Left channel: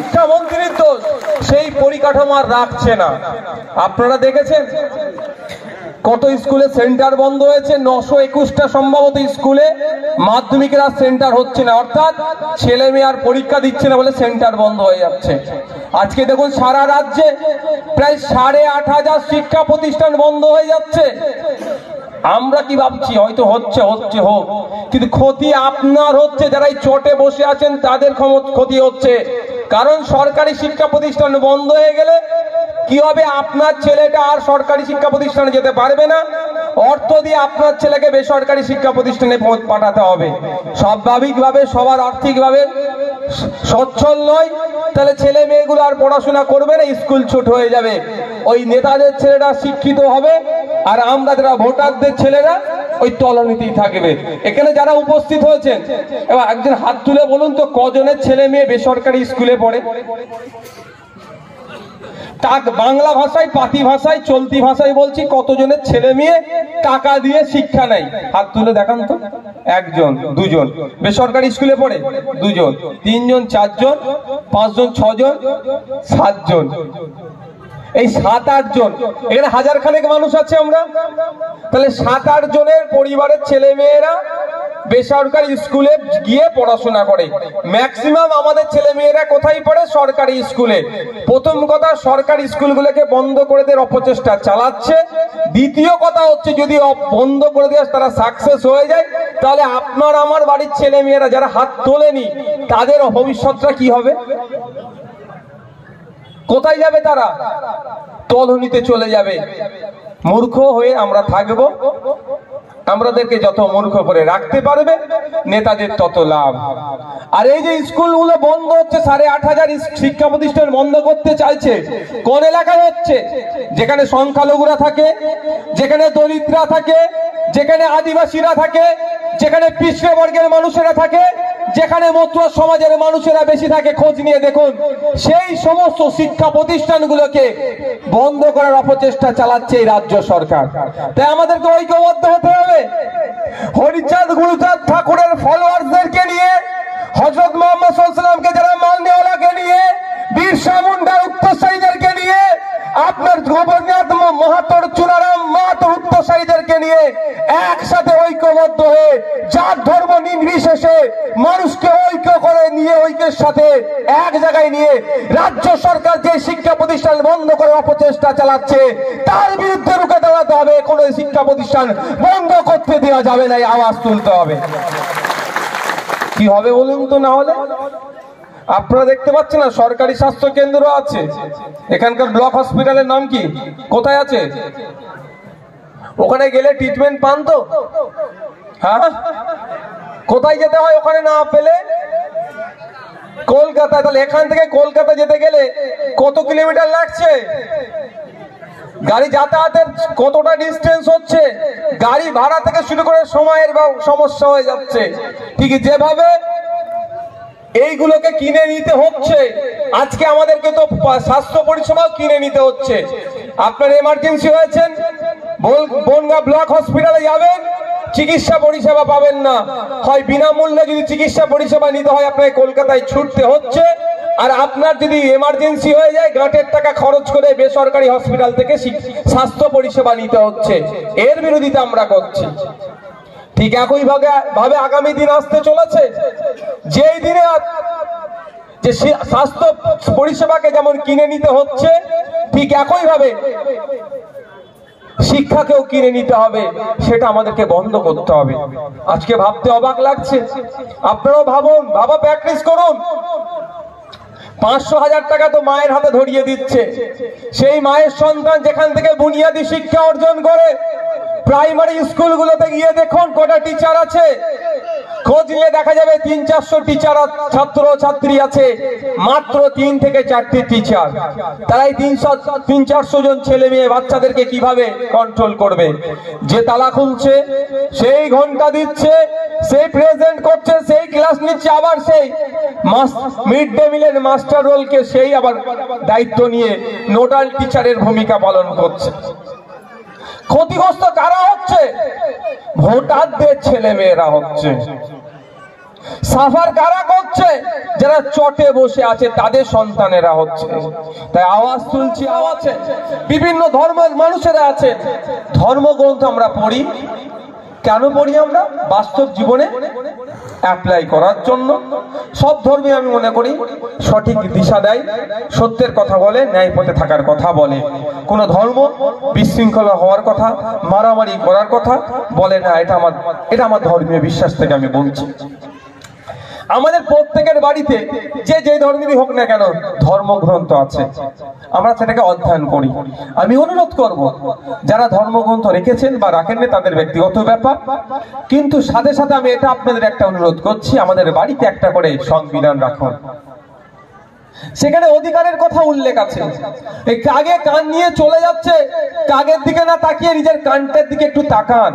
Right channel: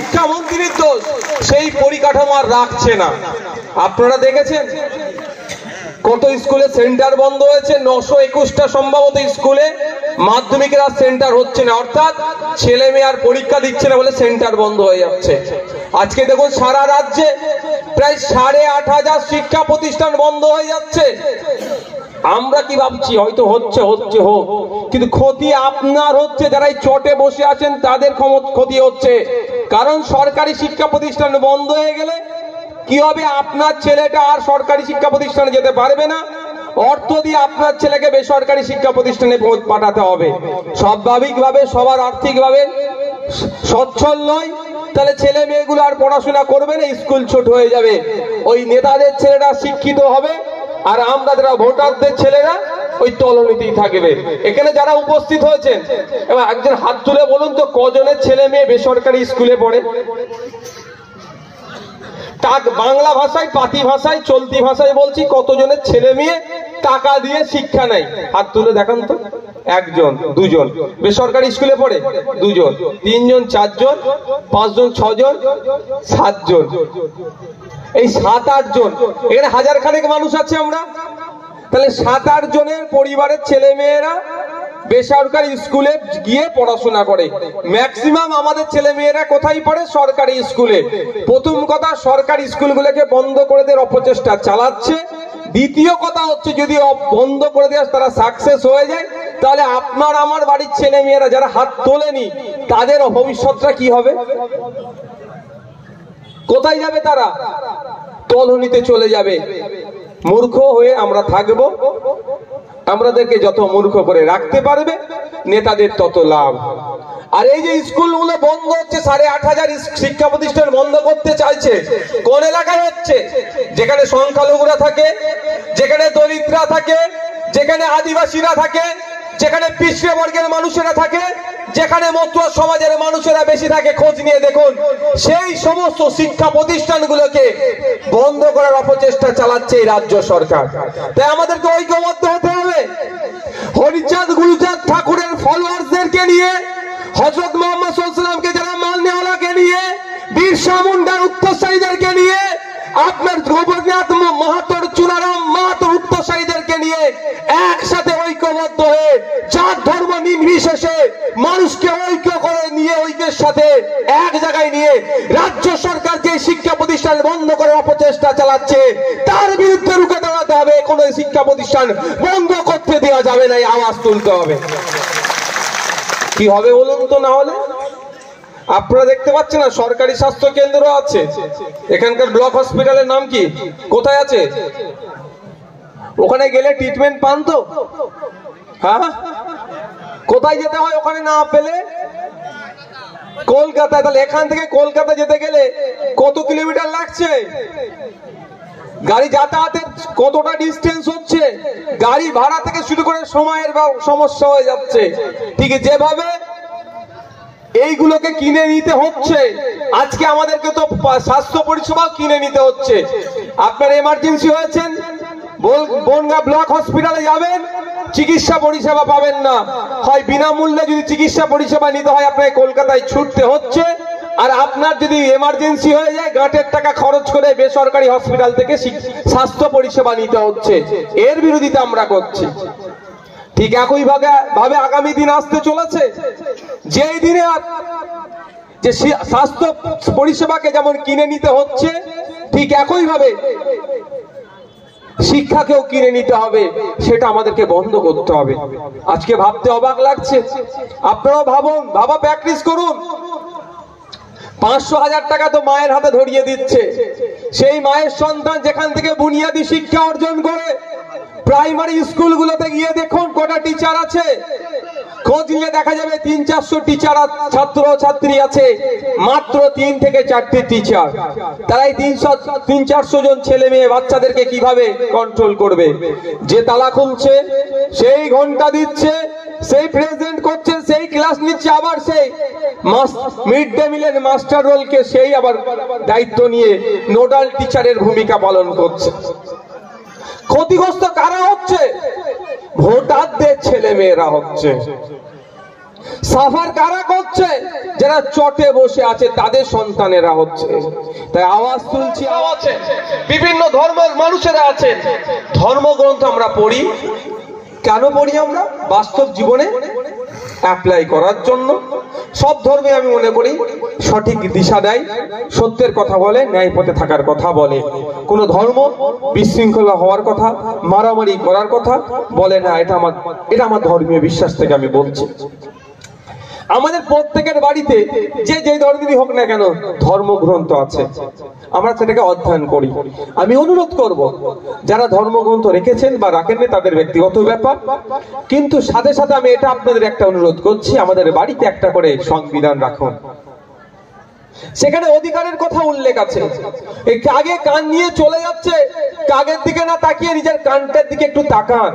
শিক্ষামন্ত্রীর দোষ, সেই পরিকাঠামো আর রাখছে না। আপনারা দেখেছেন কত স্কুলে সেন্টার বন্ধ হয়েছে, 921টা সম্ভবত স্কুলে মাধ্যমিকের আর সেন্টার হচ্ছে না, অর্থাৎ ছেলে মেয়ে আর পরীক্ষা দিচ্ছে না বলে সেন্টার বন্ধ হয়ে যাচ্ছে। আজকে দেখুন সারা রাজ্যে প্রায় 8,500 শিক্ষা প্রতিষ্ঠান বন্ধ হয়ে যাচ্ছে। আমরা কি ভাবছি হয়তো হচ্ছে হোক, কিন্তু ক্ষতি আপনার হচ্ছে, যারা এই চটে বসে আছেন তাদের ক্ষতি হচ্ছে। কারণ সরকারি শিক্ষা প্রতিষ্ঠান বন্ধ হয়ে গেলে কি হবে, আপনার ছেলেটা আর সরকারি শিক্ষা প্রতিষ্ঠানে যেতে পারবে না, অর্থ দিয়ে আপনার ছেলেকে বেসরকারি শিক্ষা প্রতিষ্ঠানে পাঠাতে হবে। স্বাভাবিকভাবে সবার আর্থিকভাবে সচ্ছল নয়, তাহলে ছেলে মেয়েগুলো আর পড়াশোনা করবে না, স্কুল ছুট হয়ে যাবে। ওই নেতাদের ছেলেরা শিক্ষিত হবে আর আমরা যারা ভোটারদের ছেলেরা ওই তলনীতিই থাকবে। এখানে যারা উপস্থিত হয়েছেন এবার একজন হাত তুলে বলুন তো, কজনের ছেলে মেয়ে বেসরকারি স্কুলে পড়ে? বাংলা ভাষায়, পাতি ভাষায়, চলতি ভাষায় বলছি, কতজনের ছেলে মেয়ে টাকা দিয়ে শিক্ষা নেয়? হাত তুলে দেখান তো। 1 জন, 2 জন বেসরকারি স্কুলে পড়ে, 2 জন, 3 জন, 4 জন, 5 জন, 6 জন, 7 জন, এই 7-8 জন, এখানে 1000 খানেক মানুষ আছে আমরা। তাহলে 7-8 জনের পরিবারের ছেলে মেয়েরা বেসরকারি স্কুলে গিয়ে পড়াশোনা করে। ম্যাক্সিমাম আমাদের ছেলে মেয়েরা কোথায় পড়ে? সরকারি স্কুলে। প্রথম কথা, সরকারি স্কুলগুলোকে বন্ধ করে দেওয়ার অপচেষ্টা চালাচ্ছে। দ্বিতীয় কথা হচ্ছে, যদি বন্ধ করে দেওয়া তারা সাকসেস হয়ে যায়, তাহলে আপনার আমার বাড়ির ছেলে মেয়েরা যারা হাত তোলেনি তাদের ভবিষ্যৎটা কি হবে? কোথায় যাবে তারা? তলনিতে চলে যাবে। মূর্খ হয়ে আমরা থাকবো। আমাদেরকে যত মূর্খ করে রাখতে পারবে নেতাদের তত লাভ। আর এই যে স্কুলগুলো বন্ধ হচ্ছে, 8,500 শিক্ষা প্রতিষ্ঠান বন্ধ করতে চাইছে, কোন এলাকায় হচ্ছে? যেখানে সংখ্যালঘুরা থাকে, যেখানে দরিদ্ররা থাকে, যেখানে আদিবাসীরা থাকে, যেখানে পিছড়ে বর্গের মানুষেরা থাকে, যেখানে মধ্যম সমাজের মানুষেরা বেশি থাকে। খোঁজ নিয়ে দেখুন, সেই সমস্ত শিক্ষা প্রতিষ্ঠানগুলোকে বন্ধ করার অপচেষ্টা চালাচ্ছে এই রাজ্য সরকার। তাই আমাদেরকে ঐক্যবদ্ধ হতে হবে। হরিচাঁদ গুরুচাঁদ ঠাকুরের ফলোয়ার্সদেরকে নিয়ে, হযরত মুহাম্মদ সাল্লাল্লাহু আলাইহি ওয়াসাল্লামকে যারা মাননেওয়ালাকে নিয়ে, বিরসা মুন্ডার উত্তরসারীদেরকে নিয়ে, আপনার গোবরনাথ মাহাতোর চুনারাম মাহাতোর উত্তরসারীদেরকে নিয়ে একসাথে ঐক্যবদ্ধ হয়ে জাত ধর্ম নির্বিশেষে মানুষকে ঐক্য করে নিয়ে, ঐক্যের সাথে এক জায়গায় নিয়ে রাজ্য সরকার যে শিক্ষা প্রতিষ্ঠান বন্ধ করার অপচেষ্টা চালাচ্ছে তার বিরুদ্ধে রুখে দাঁড়াতে হবে। কোনো শিক্ষা প্রতিষ্ঠান বন্ধ করতে দেওয়া যাবে না, এই আওয়াজ তুলতে হবে। কি হবে বলুন তো? না হলে আপনারা দেখতে পাচ্ছেন না, সরকারি স্বাস্থ্য কেন্দ্র আছে, এখানকার ব্লক হসপিটালের নাম কি, কোথায় আছে? ওখানে গেলে ট্রিটমেন্ট পান তো? হ্যাঁ, কোথায় যেতে হয় ওখানে না পেলে? কলকাতায়। তাহলে এখান থেকে কলকাতা যেতে গেলে কত কিলোমিটার লাগছে? গাড়ি যাতায়াতের কতটা ডিস্টেন্স হচ্ছে? গাড়ি ভাড়া থেকে শুরু করে সময়ের সমস্যা হয়ে যাচ্ছে। ঠিক যেভাবে এইগুলোকে কিনে নিতে হচ্ছে, আজকে আমাদেরকে তো স্বাস্থ্য পরিষেবা কিনে নিতে হচ্ছে। আপনার এমার্জেন্সি হয়েছেন, বনগাঁ ব্লক হসপিটালে যাবেন, চিকিৎসা পরিষেবা পাবেন না, হয় বিনামূল্যে যদি চিকিৎসা পরিষেবা নিতে হয় আপনাকে কলকাতায় ছুটতে হচ্ছে। আর আপনার যদি এমার্জেন্সি হয়ে যায়, গাঁটের টাকা খরচ করে বেসরকারি হসপিটাল থেকে স্বাস্থ্য পরিষেবা নিতে হচ্ছে। এর বিরোধিতা আমরা করছি। ঠিক একই ভাবে আগামী দিন আসতে চলেছে, যেই দিনে যে স্বাস্থ্য পরিষেবাকে যেমন কিনে নিতে হচ্ছে, ঠিক একই ভাবে শিক্ষাকেও কিনে নিতে হবে। সেটা আমাদেরকে বন্ধ করতে হবে। আজকে ভাবতে অবাক লাগছে, আপনারাও ভাবুন, প্র্যাকটিস করুন। 500,000 টাকা তো মায়ের হাতে ধরিয়ে দিচ্ছে। সেই মায়ের সন্তান যেখান থেকে বুনিয়াদী শিক্ষা অর্জন করে, প্রাইমারি স্কুলগুলোতে গিয়ে দেখুন কটা টিচার আছে। খোঁজ নিয়ে দেখা যাবে 300-400 টিচার ছাত্র ছাত্রী আছে, মাত্র 3 থেকে 4টি টিচার। তারাই 300-400 জন ছেলে মেয়ে বাচ্চাদেরকে কিভাবে কন্ট্রোল করবে? যে তালা খুলছে, সেই ঘন্টা দিচ্ছে, সেই প্রেজেন্ট করছে, সেই ক্লাস নিচ্ছে, আবার সেই মিড ডে মিলের মাস্টার রোলকে সেই আবার দায়িত্ব নিয়ে নোডাল টিচারের ভূমিকা পালন করছে। ক্ষতিগ্রস্ত কারা হচ্ছে? ভোটারদের ছেলে মেয়েরা হচ্ছে। সাফার কারা করছে? যারা চটে বসে আছে তাদের সন্তানেরা হচ্ছে। তাই আওয়াজ তুলছি, আওয়াজে বিভিন্ন ধর্মের মানুষেরা আছে। ধর্মগ্রন্থ আমরা পড়ি, কেন পড়ি? আমরা বাস্তব জীবনে অ্যাপ্লাই করার জন্য। সব ধর্মে আমি মনে করি সঠিক দিশা দেয়, সত্যের কথা বলে, ন্যায় পথে থাকার কথা বলে। কোন ধর্ম বিশৃঙ্খলা হওয়ার কথা, মারামারি করার কথা বলে না। এটা আমার ধর্মীয় বিশ্বাস থেকে আমি বলছি। আমাদের প্রত্যেকের বাড়িতে যে ধর্মেরই হোক না কেন ধর্মগ্রন্থ আছে, আমরা সেটাকে অধ্যয়ন করি। আমি অনুরোধ করব, যারা ধর্মগ্রন্থ রেখেছেন বা রাখেননি তাদের ব্যক্তিগত ব্যাপার, কিন্তু সাথে সাথে আমি এটা আপনাদের একটা অনুরোধ করছি, আমাদের বাড়িতে একটা করে সংবিধান রাখুন। সেখানে অধিকারের কথা উল্লেখ আছে। এই কাগে কান নিয়ে চলে যাচ্ছে, কাগের দিকে না তাকিয়ে নিজের কানটার দিকে একটু তাকান।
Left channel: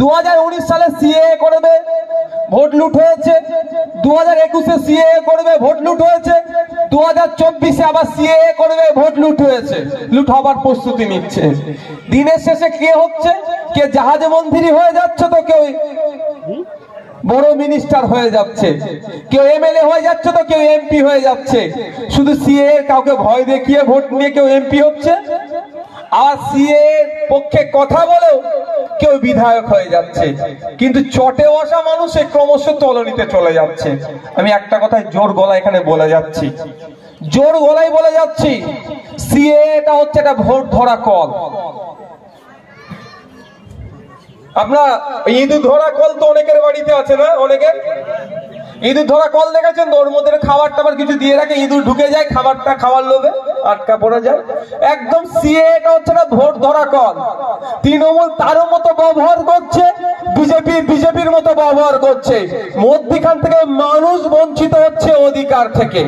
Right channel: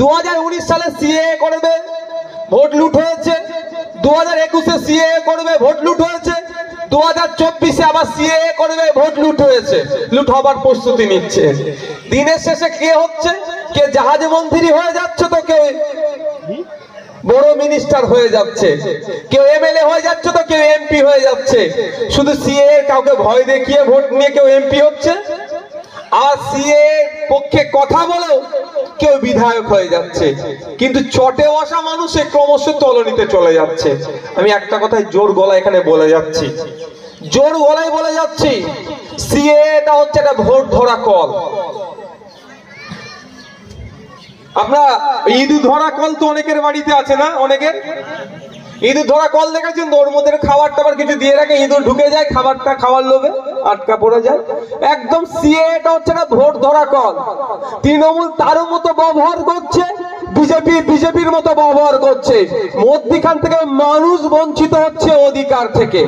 2019 সালে সিএএ করবে, ভোট লুট হয়েছে। 2021-এ সিএএ করবে, ভোট লুট হয়েছে। 2024-এ আবার সিএএ করবে, ভোট লুট হয়েছে। লুট হবার প্রস্তুতি নিচ্ছে। দিনের শেষে কে হচ্ছে? কে জাহাজে মন্ত্রী হয়ে যাচ্ছে, তো কেউ বড় মিনিস্টার হয়ে যাচ্ছে, কেউ এমএলএ হয়ে যাচ্ছে, তো কেউ এমপি হয়ে যাচ্ছে। শুধু সিএএ কাউকে ভয় দেখিয়ে ভোট নিয়ে কেউ এমপি হচ্ছে, আর সিএএ পক্ষে কথা বলেও কেউ বিধায়ক হয়ে যাচ্ছে। কিন্তু চটে বসা মানুষ ক্রমশ তলানিতে চলে যাচ্ছে। আমি একটা কথাই জোর গলায় এখানে বলে যাচ্ছি, জোর গলায় বলে যাচ্ছি, সিএএটা হচ্ছে একটা ভোট ধরা কল। আপনার ইঁদুর ধরা কল তো অনেকের বাড়িতে আছে না? অনেকের ইঁদুর ধরা কল দেখেছেন তো? ওর মধ্যে খাবার টাবার কিছু দিয়ে রাখে, ইঁদুর ঢুকে যায়, খাবারটা খাওয়ার লোভে আটকা পড়ে যায়। একদম সিএএটা হচ্ছে না ভোট ধরা কল। তৃণমূল তারও মতো ব্যবহার করছে, বিজেপির মতো ব্যবহার করছে। মধ্যখান থেকে মানুষ বঞ্চিত হচ্ছে অধিকার থেকে।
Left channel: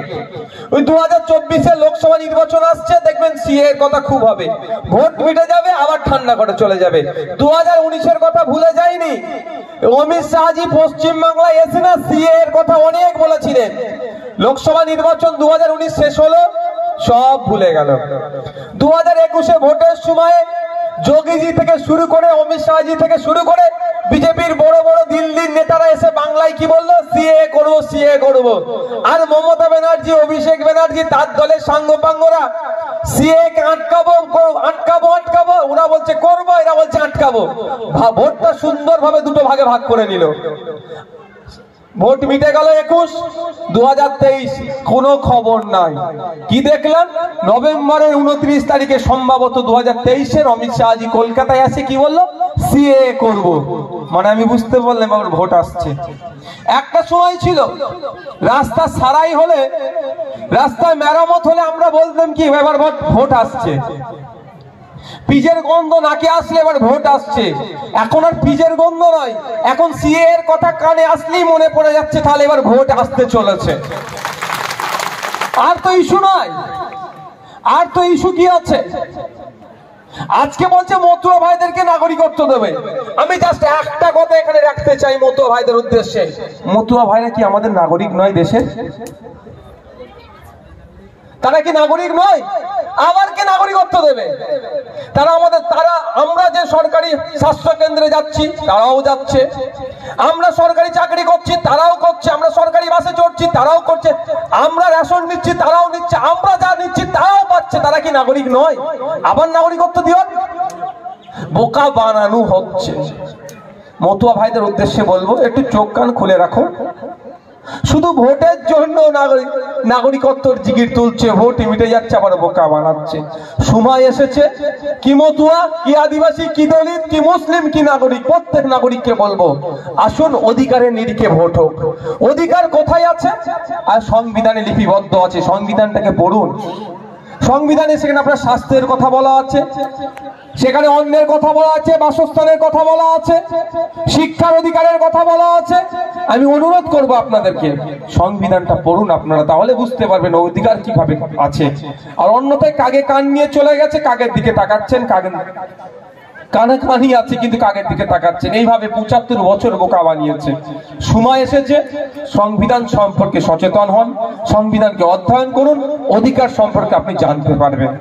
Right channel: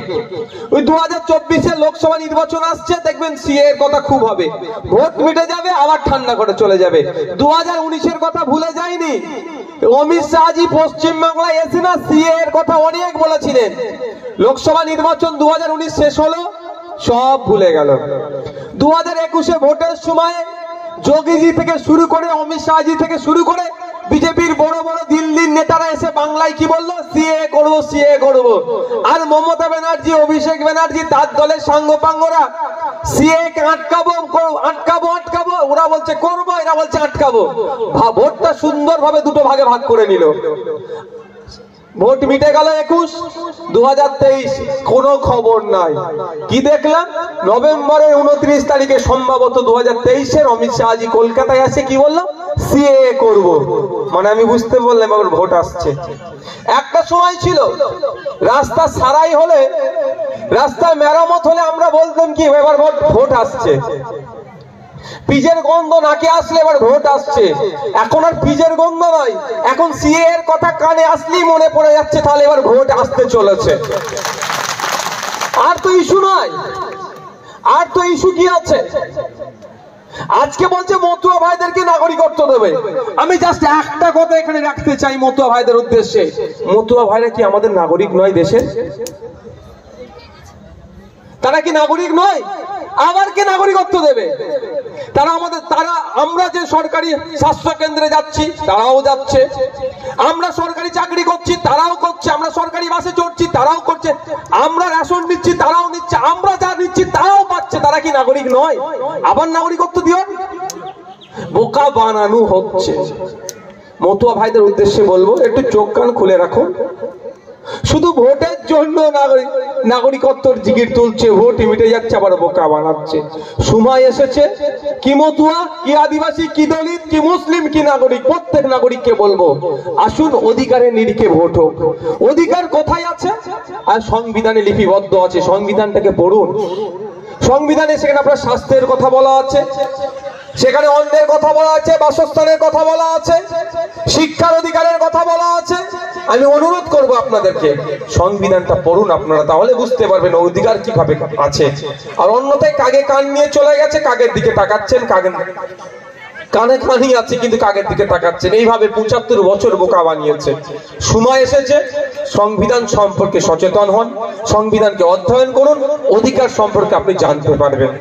ওই 2024-এ লোকসভা নির্বাচন আসছে, দেখবেন সিএএর কথা খুব হবে, ভোট মিটে যাবে, আবার ঠান্ডা করে চলে যাবে। 2019-এর কথা ভুলে যায়নি। অমিত শাহজি পশ্চিমবাংলায় এসে না সিএএর কথা অনেক বলেছিলেন। লোকসভা নির্বাচন 2019 শেষ হলো, সব ভুলে গেল। 2021-এ ভোটের সময় যোগীজি থেকে শুরু করে, অমিত শাহজি থেকে শুরু করে বিজেপির বড় বড় দিল্লির নেতারা এসে বাংলায় কি বললো? সিএএ করবো, সিএএ করবো। আর মমতা ব্যানার্জি, অভিষেক ব্যানার্জি, তার দলের সাঙ্গপাঙ্গরা সিএএ কে আটকাবো আটকাবো আটকাবো, ওরা বলছে করবো, এরা বলছে আটকাবো। ভোটটা সুন্দরভাবে দুটো ভাগে ভাগ করে নিল। ভোট মিটে গেল 21, 2023 কোনো খবর নাই। কি দেখলাম? নভেম্বরের 29 তারিখে সম্ভবত 2023-এর অমিত শাহজি কলকাতায় আসে কি বললো? সিএএ করব। মানে আমি বুঝতে বললাম আবার ভোট আসছে। একটা সময় ছিল রাস্তা সারাই হলে, রাস্তায় মেরামত হলে আমরা বলতাম কি এবার ভোট আসছে। পিজের গন্ধ নাকে আসলে এবার ভোট আসছে। এখন আর পিজের গন্ধ নয়, এখন সিএএ এর কথা কানে আসলেই মনে পড়ে যাচ্ছে তাহলে এবার ভোট আসতে চলেছে। আর তো ইস্যু নয়, আর তো ইস্যু কি আছে? আজকে বলছে মতুয়া ভাইদেরকে নাগরিকত্ব দেবে। আমি জাস্ট একটা কথা এখানে রাখতে চাই মতুয়া ভাইদের উদ্দেশ্যে, মতুয়া ভাইরা কি আমাদের নাগরিক নয় দেশের? তারা কি নাগরিক নয়? আবার কি নাগরিকত্ব দেবে? আমরা যে সরকারি স্বাস্থ্য কেন্দ্রে যাচ্ছি তারাও যাচ্ছে, আমরা সরকারি চাকরি করছি তারাও করছে, আমরা সরকারি বাসে চড়ছি তারাও করছে, আমরা রেশন দিচ্ছি তারাও নিচ্ছে, আমরা যা নিচ্ছি তারাও পাচ্ছে। তারা কি নাগরিক নয়? আবার নাগরিকত্ব দিবেন? বোকা বানানো হচ্ছে। মতুয়া ভাইদের উদ্দেশ্যে বলবো, একটু চোখ কান খুলে রাখো। শুধু ভোটের জন্য নাগরিকত্বর জিগির তুলছে, ভোট মিটে যাচ্ছে, আবার বোকা বানাচ্ছে। সময় এসেছে, কি মতুয়া, কি আদিবাসী, কি দলিত, কি মুসলিম, কি নাগরিক, প্রত্যেক নাগরিককে বলবো আসুন অধিকারের নিরিখে ভোট হোক। অধিকার কোথায় আছে? আর সংবিধানে লিপিবদ্ধ আছে, সংবিধানটাকে পড়ুন। সংবিধানে সেখানে আপনার স্বাস্থ্যের কথা বলা আছে, সেখানে অন্যের কথা বলা আছে, বাসস্থানের কথা বলা আছে, শিক্ষার অধিকারের কথা বলা আছে। আমি অনুরোধ করব আপনাদেরকে সংবিধানটা পড়ুন আপনারা, তাহলে বুঝতে পারবেন অধিকার কিভাবে আছে। আর অন্যথায় কাগে কান নিয়ে চলে গেছে, কাগের দিকে তাকাচ্ছেন, কানে কানই আছে কিন্তু কাগের দিকে তাকাচ্ছেন। এইভাবে 75 বছর বোকা বানিয়েছে। সময় এসেছে সংবিধান সম্পর্কে সচেতন হন, সংবিধানকে অধ্যয়ন করুন, অধিকার সম্পর্কে আপনি জানতে পারবেন।